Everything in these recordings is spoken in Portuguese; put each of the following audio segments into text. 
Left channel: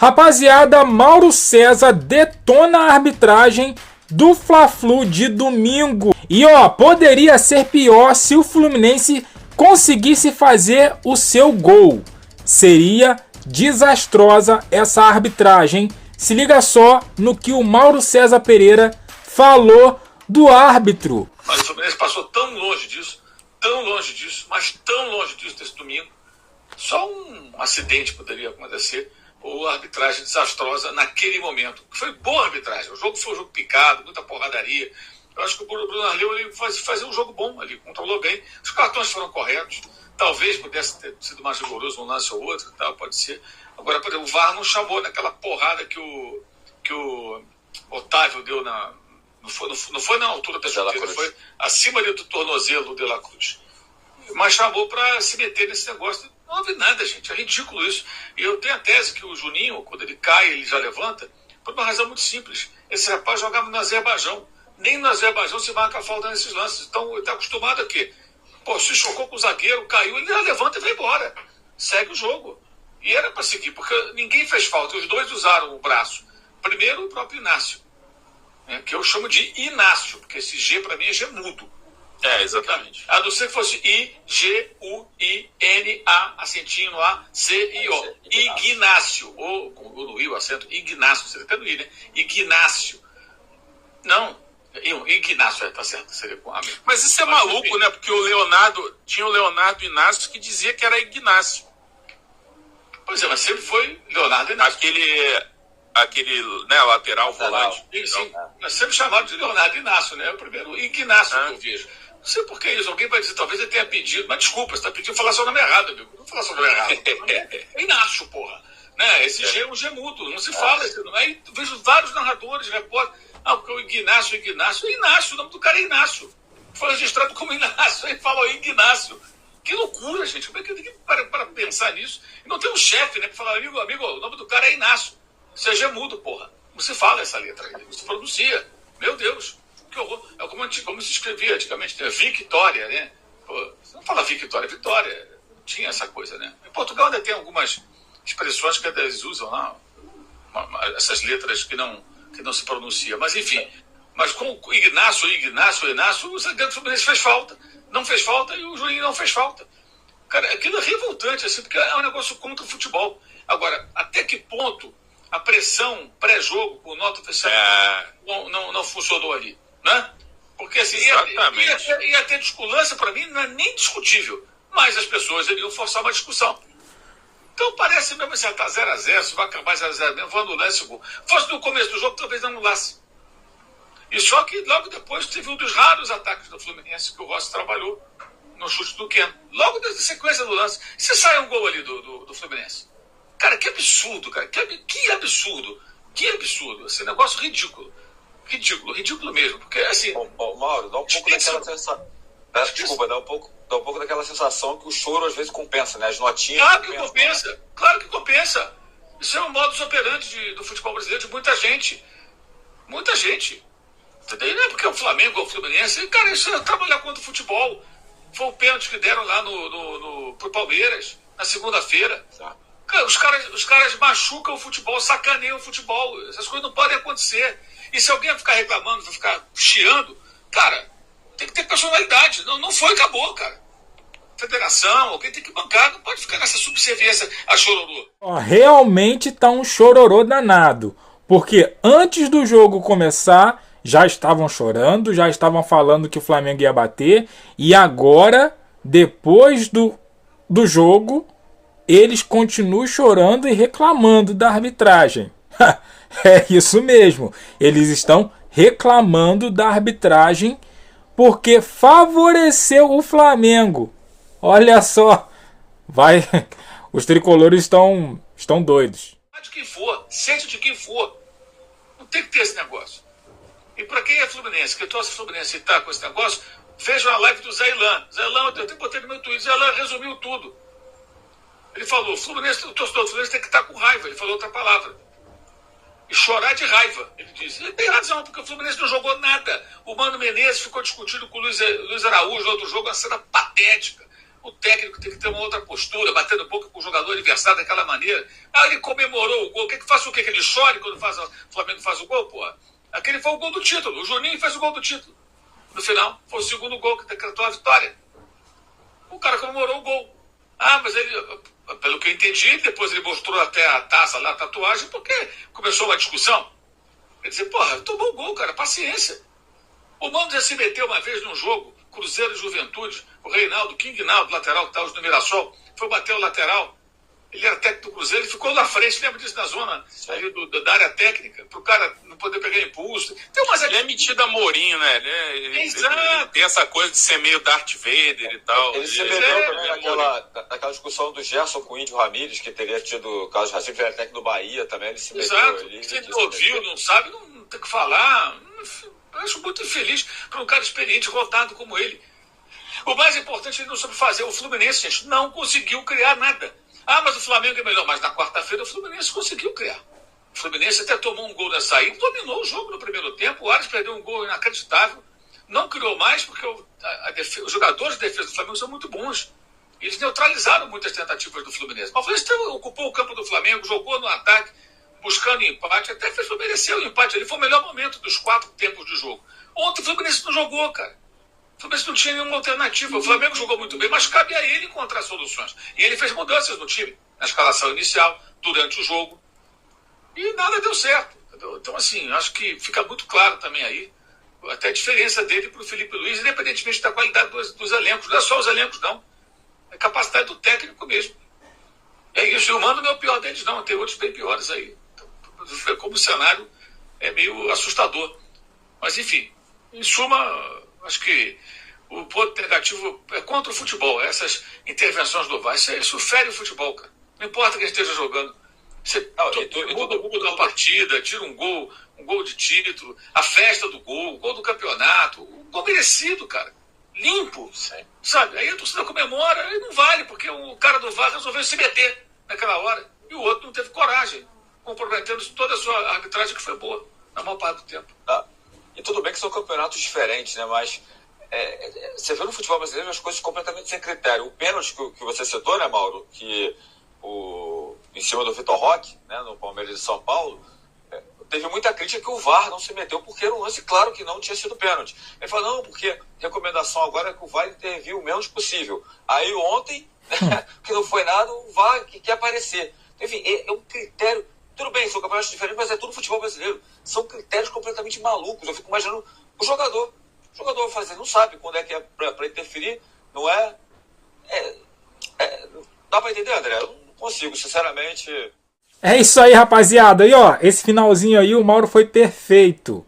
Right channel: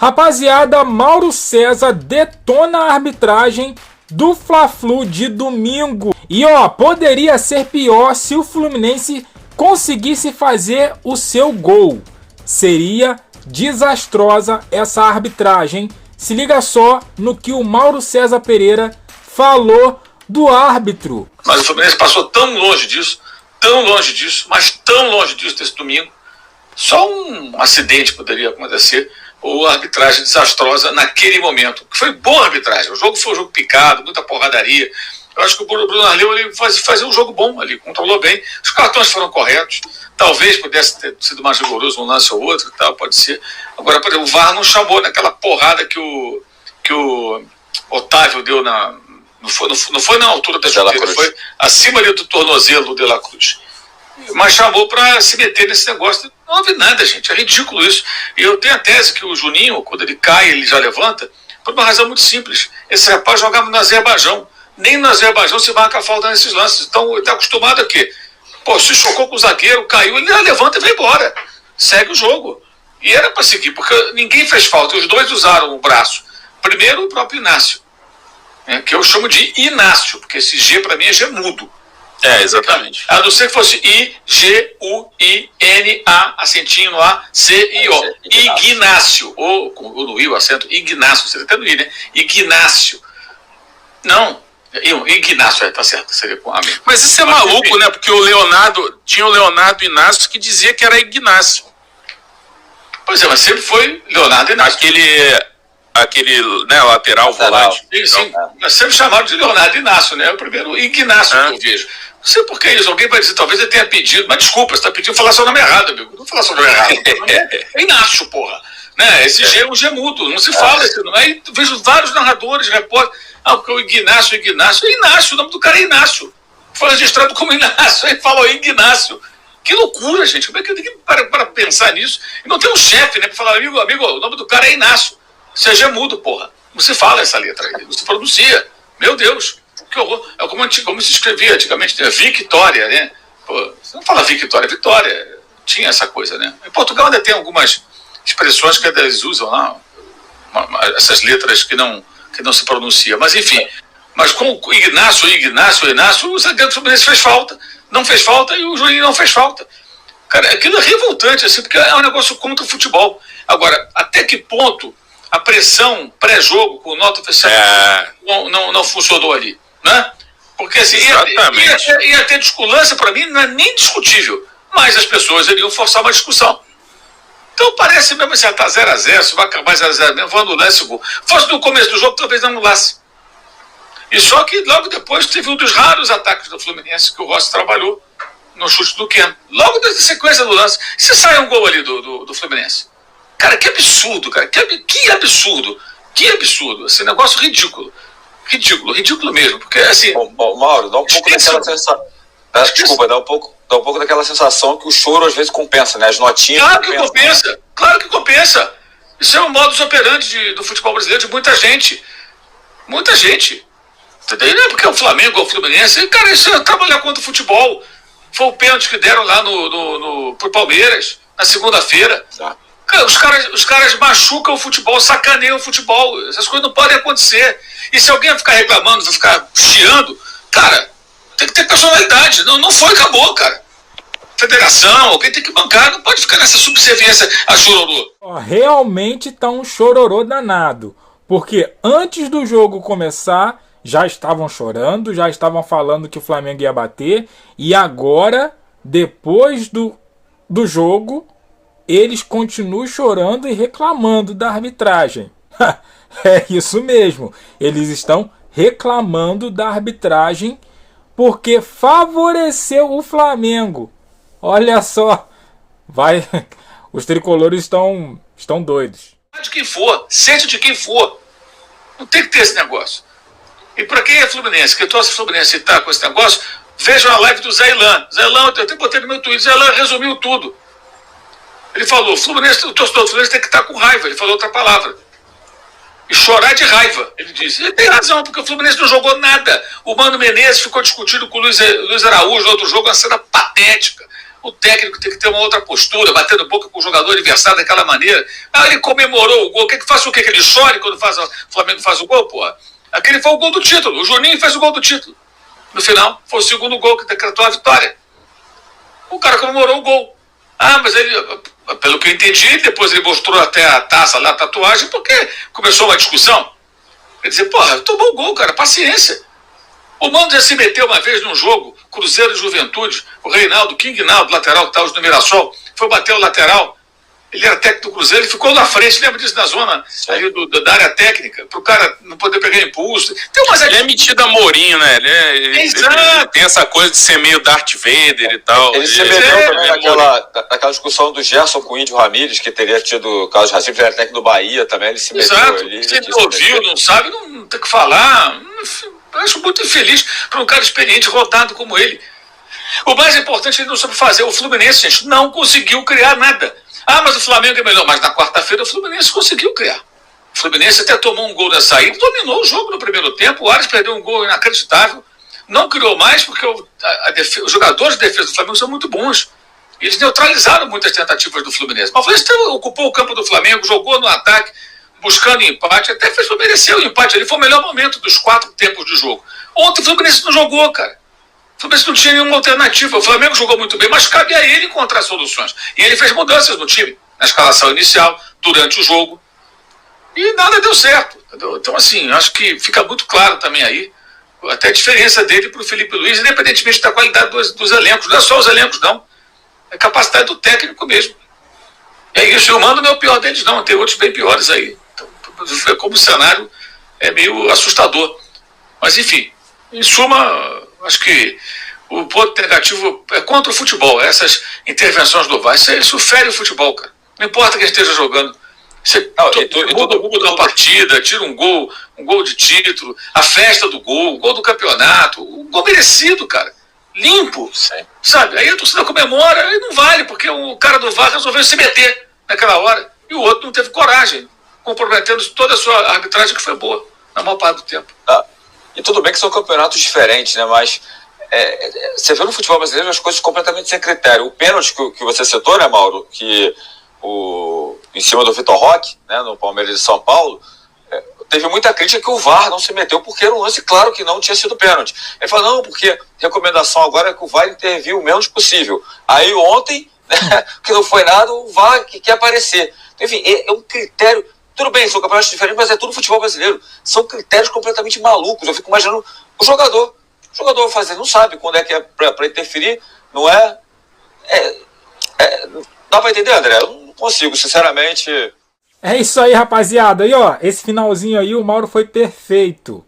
Rapaziada, Mauro César detona a arbitragem do Fla-Flu de domingo. E poderia ser pior se o Fluminense conseguisse fazer o seu gol. Seria desastrosa essa arbitragem. Se liga só no que o Mauro César Pereira falou do árbitro. Mas o Fluminense passou tão longe disso, mas tão longe disso desse domingo. Só um acidente poderia acontecer, ou a arbitragem desastrosa naquele momento. Foi boa a arbitragem, o jogo foi um jogo picado, muita porradaria. Eu acho que o Bruno Arleu ele fazia um jogo bom ali, controlou bem. Os cartões foram corretos. Talvez pudesse ter sido mais rigoroso um lance ou outro, tal, pode ser. Agora, por exemplo, o VAR não chamou naquela porrada que o Otávio deu na... Não foi na altura da chuteira, foi acima ali do tornozelo do De La Cruz. Mas chamou para se meter nesse negócio. Não houve nada, gente. É ridículo isso. E eu tenho a tese que o Juninho, quando ele cai, ele já levanta, por uma razão muito simples. Esse rapaz jogava no Azerbaijão. Nem no Azerbaijão se marca a falta nesses lances. Então ele está acostumado a quê? Se chocou com o zagueiro, caiu, ele já levanta e vai embora. Segue o jogo. E era para seguir, porque ninguém fez falta. Os dois usaram o braço. Primeiro, o próprio Inácio, que eu chamo de Inácio, porque esse G para mim é G mudo. Exatamente. A não ser que fosse I-G-U-I-N-A, acentinho no A, C-I-O. Ignácio. Ou no I, o acento, Ignácio. Você até no I, né? Ignácio. Não. Ignácio, tá certo. Seria com A mesmo. Mas isso é maluco, né? Porque tinha o Leonardo Inácio que dizia que era Ignácio. Pois é, mas sempre foi Leonardo Inácio. Aquele lateral volante. Sim. Mas sempre chamaram de Leonardo Inácio, né? É o primeiro Ignácio que eu vejo. Não sei por que isso. Alguém vai dizer, talvez ele tenha pedido, mas desculpa, você está pedindo falar seu nome errado, amigo. Não falar seu nome errado. É Inácio, porra. Né? Esse G é um G mudo, não se fala esse nome. Aí vejo vários narradores, repórteres. Porque o Ignácio. É Inácio, o nome do cara é Inácio. Foi registrado como Inácio, aí falou Ignácio. Que loucura, gente. Como é que tem que para pensar nisso? E não tem um chefe, né? Para falar, amigo, o nome do cara é Inácio. Seja mudo, porra. Não se fala essa letra aí, não se pronuncia. Meu Deus, que horror. É como se escrevia antigamente, Victória, né? Pô, você não fala Victória, Vitória. Tinha essa coisa, né? Em Portugal ainda tem algumas expressões que eles usam lá, essas letras que não se pronunciam. Mas enfim, mas com o Ignácio, o zagueiro do Fluminense fez falta. Não fez falta e o Juninho não fez falta. Cara, aquilo é revoltante, assim, porque é um negócio contra o futebol. Agora, até que ponto a pressão pré-jogo com nota oficial não funcionou ali, né? Porque assim, ia ter discordância, para mim, não é nem discutível, mas as pessoas iriam forçar uma discussão. Então parece mesmo assim, tá 0-0, se vai acabar 0-0 mesmo, vou anular esse gol. Fosse no começo do jogo, talvez não anulasse. E só que logo depois teve um dos raros ataques do Fluminense que o Rossi trabalhou no chute do Keno. Logo da sequência do lance, se sai um gol ali do Fluminense. Cara, que absurdo, cara. Que absurdo. Esse negócio ridículo. Ridículo mesmo. Porque, assim... Mauro, dá um pouco daquela sensação... Desculpa, dá um pouco daquela sensação que o choro às vezes compensa, né? As notinhas... Claro que compensa. Isso é um modus operandi do futebol brasileiro de muita gente. Muita gente. Entendeu? Não é porque é o Flamengo ou o Fluminense. Cara, isso é trabalhar contra o futebol. Foi o pênalti que deram lá pro Palmeiras, na segunda-feira. Tá. Os caras machucam o futebol, sacaneiam o futebol. Essas coisas não podem acontecer. E se alguém ficar reclamando, vai ficar chiando, cara, tem que ter personalidade. Não foi, acabou, cara. Federação, alguém tem que bancar, não pode ficar nessa subserviência a chororô. Realmente tá um chororô danado. Porque antes do jogo começar, já estavam chorando, já estavam falando que o Flamengo ia bater. E agora, depois do jogo, eles continuam chorando e reclamando da arbitragem. É isso mesmo. Eles estão reclamando da arbitragem porque favoreceu o Flamengo. Olha só. Os tricolores estão doidos. De quem for, seja de quem for. Não tem que ter esse negócio. E para quem é Fluminense, que torce Fluminense e tá com esse negócio, vejam a live do Zé Ilan. Zé Ilan, eu até botei no meu Twitter, Zé Ilan resumiu tudo. Ele falou, o torcedor do Fluminense tem que estar com raiva. Ele falou outra palavra. E chorar de raiva, ele disse. Ele tem razão, porque o Fluminense não jogou nada. O Mano Menezes ficou discutindo com o Luiz Araújo no outro jogo, uma cena patética. O técnico tem que ter uma outra postura, batendo boca com o jogador adversário daquela maneira. Ele comemorou o gol. Quer que faça o quê? Que ele chore quando o Flamengo faz o gol, porra? Aquele foi o gol do título. O Juninho fez o gol do título. No final, foi o segundo gol que decretou a vitória. O cara comemorou o gol. Mas ele, pelo que eu entendi, depois ele mostrou até a taça lá, a tatuagem, porque começou uma discussão. Quer dizer, tomou o gol, cara, paciência. O Mano já se meteu uma vez num jogo, Cruzeiro e Juventude, o Reinaldo, King Naldo, lateral que estava no Mirassol, foi bater o lateral. Ele era técnico do Cruzeiro, ele ficou na frente, lembra disso, na zona aí da área técnica, para o cara não poder pegar impulso. Ele é metido a Mourinho, né? Ele tem essa coisa de ser meio Darth Vader e tal. Ele se meteu também naquela discussão do Gerson com o Índio Ramírez, que teria tido caso de racismo, ele era técnico do Bahia também, ele se meteu ali. Se ele não ouviu, não sabe, não tem que falar. Eu acho muito infeliz para um cara experiente, rodado como ele. O mais importante ele não soube fazer. O Fluminense, gente, não conseguiu criar nada. Mas o Flamengo é melhor. Mas na quarta-feira o Fluminense conseguiu criar. O Fluminense até tomou um gol na saída, dominou o jogo no primeiro tempo. O Ares perdeu um gol inacreditável. Não criou mais porque os jogadores de defesa do Flamengo são muito bons. Eles neutralizaram muitas tentativas do Fluminense. Mas o Fluminense ocupou o campo do Flamengo, jogou no ataque, buscando empate. Até mereceu o empate. Ele foi o melhor momento dos 4 tempos de jogo. Ontem o Fluminense não jogou, cara. O Fluminense não tinha nenhuma alternativa. O Flamengo jogou muito bem, mas cabe a ele encontrar soluções. E ele fez mudanças no time, na escalação inicial, durante o jogo. E nada deu certo. Entendeu? Então, assim, acho que fica muito claro também aí, até a diferença dele para o Felipe Luiz, independentemente da qualidade dos elencos. Não é só os elencos, não. É a capacidade do técnico mesmo. E aí, o Mano não é o pior deles, não. Tem outros bem piores aí. Então, como o cenário é meio assustador. Mas, enfim, em suma, acho que o ponto negativo é contra o futebol. Essas intervenções do VAR, isso fere o futebol, cara. Não importa quem esteja jogando. Você muda o rumo da partida, tira um gol de título, a festa do gol, o gol do campeonato, o gol merecido, cara. Limpo, sabe? Aí a torcida comemora e não vale, porque o cara do VAR resolveu se meter naquela hora e o outro não teve coragem, comprometendo toda a sua arbitragem, que foi boa na maior parte do tempo. E tudo bem que são campeonatos diferentes, né? Mas você vê no futebol brasileiro as coisas completamente sem critério. O pênalti que você citou, né, Mauro? Que em cima do Vitor Roque, né, no Palmeiras de São Paulo, teve muita crítica que o VAR não se meteu, porque era um lance claro que não tinha sido pênalti. Ele falou, não, porque recomendação agora é que o VAR interviu o menos possível. Aí ontem, né, que não foi nada, o VAR que quer aparecer. Então, enfim, é um critério. Tudo bem, são campeonatos diferentes, mas é tudo futebol brasileiro. São critérios completamente malucos. Eu fico imaginando o jogador. O jogador vai fazer, não sabe quando é que é para interferir, não é? Dá para entender, André? Eu não consigo, sinceramente. É isso aí, rapaziada. E ó, esse finalzinho aí, o Mauro foi perfeito.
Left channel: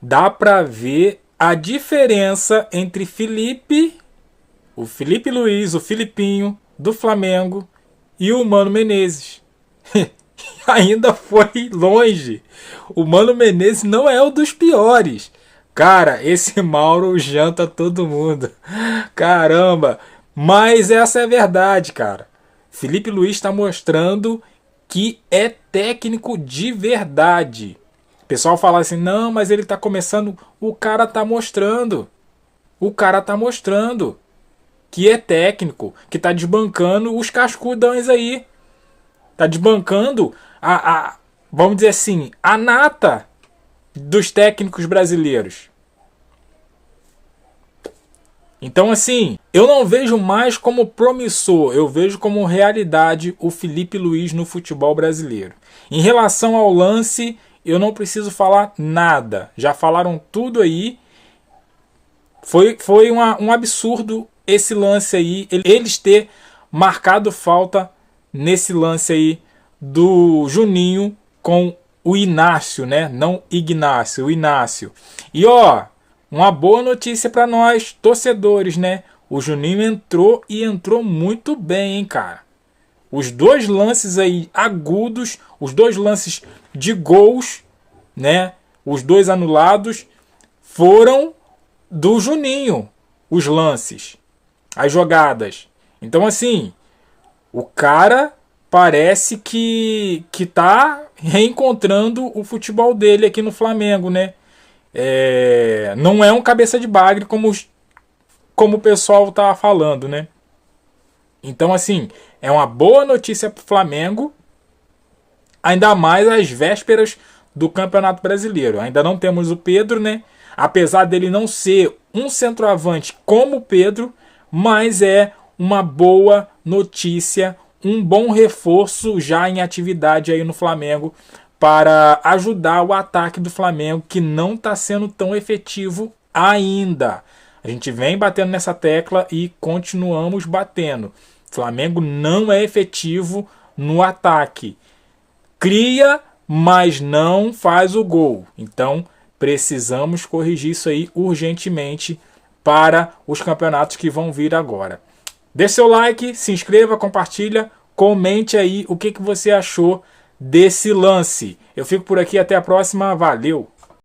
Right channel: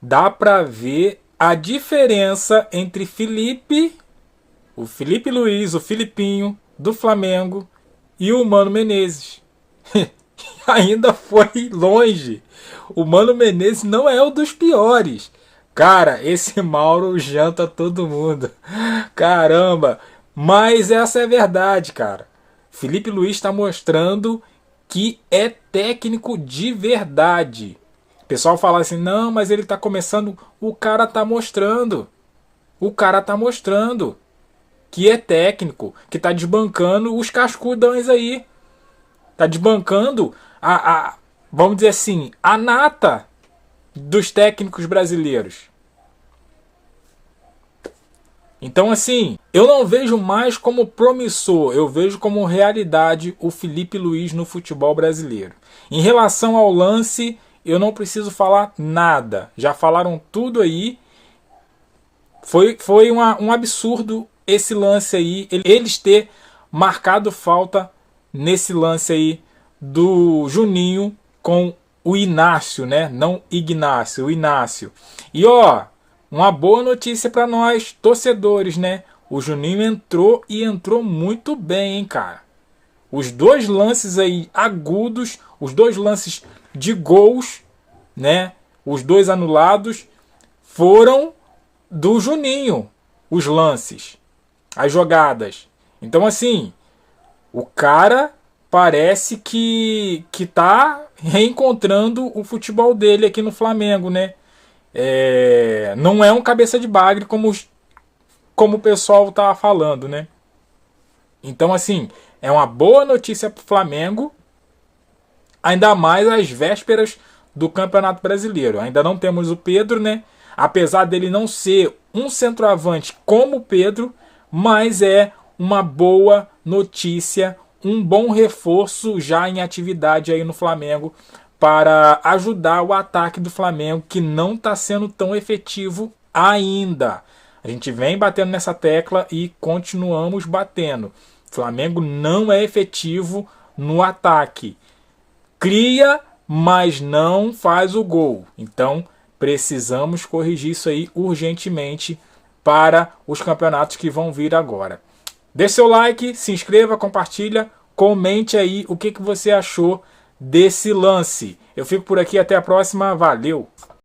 Dá pra ver a diferença entre o Felipe Luiz, o Filipinho, do Flamengo, e o Mano Menezes. Ainda foi longe. O Mano Menezes não é o dos piores. Cara, esse Mauro janta todo mundo. Caramba. Mas essa é a verdade, cara. Felipe Luiz está mostrando que é técnico de verdade. O pessoal fala assim, não, mas ele está começando. O cara tá mostrando. O cara tá mostrando que é técnico, que tá desbancando os cascudões aí. Tá desbancando vamos dizer assim, a nata dos técnicos brasileiros. Então, assim, eu não vejo mais como promissor, eu vejo como realidade o Felipe Luiz no futebol brasileiro. Em relação ao lance, eu não preciso falar nada. Já falaram tudo aí. Foi um absurdo esse lance aí, eles ter marcado falta nesse lance aí do Juninho com o Inácio, né? Não Ignácio, o Inácio. E ó, uma boa notícia para nós, torcedores, né? O Juninho entrou muito bem, hein, cara? Os dois lances aí agudos, os dois lances de gols, né? Os dois anulados foram do Juninho, os lances, as jogadas. Então, assim, o cara parece que tá reencontrando o futebol dele aqui no Flamengo, né? Não é um cabeça de bagre como o pessoal tá falando, né? Então, assim, é uma boa notícia para o Flamengo, ainda mais às vésperas do Campeonato Brasileiro. Ainda não temos o Pedro, né? Apesar dele não ser um centroavante como o Pedro, mas é uma boa notícia, um bom reforço já em atividade aí no Flamengo para ajudar o ataque do Flamengo, que não está sendo tão efetivo ainda. A gente vem batendo nessa tecla e continuamos batendo. O Flamengo não é efetivo no ataque. Cria, mas não faz o gol. Então, precisamos corrigir isso aí urgentemente para os campeonatos que vão vir agora. Deixe seu like, se inscreva, compartilha, comente aí o que você achou desse lance. Eu fico por aqui, até a próxima, valeu!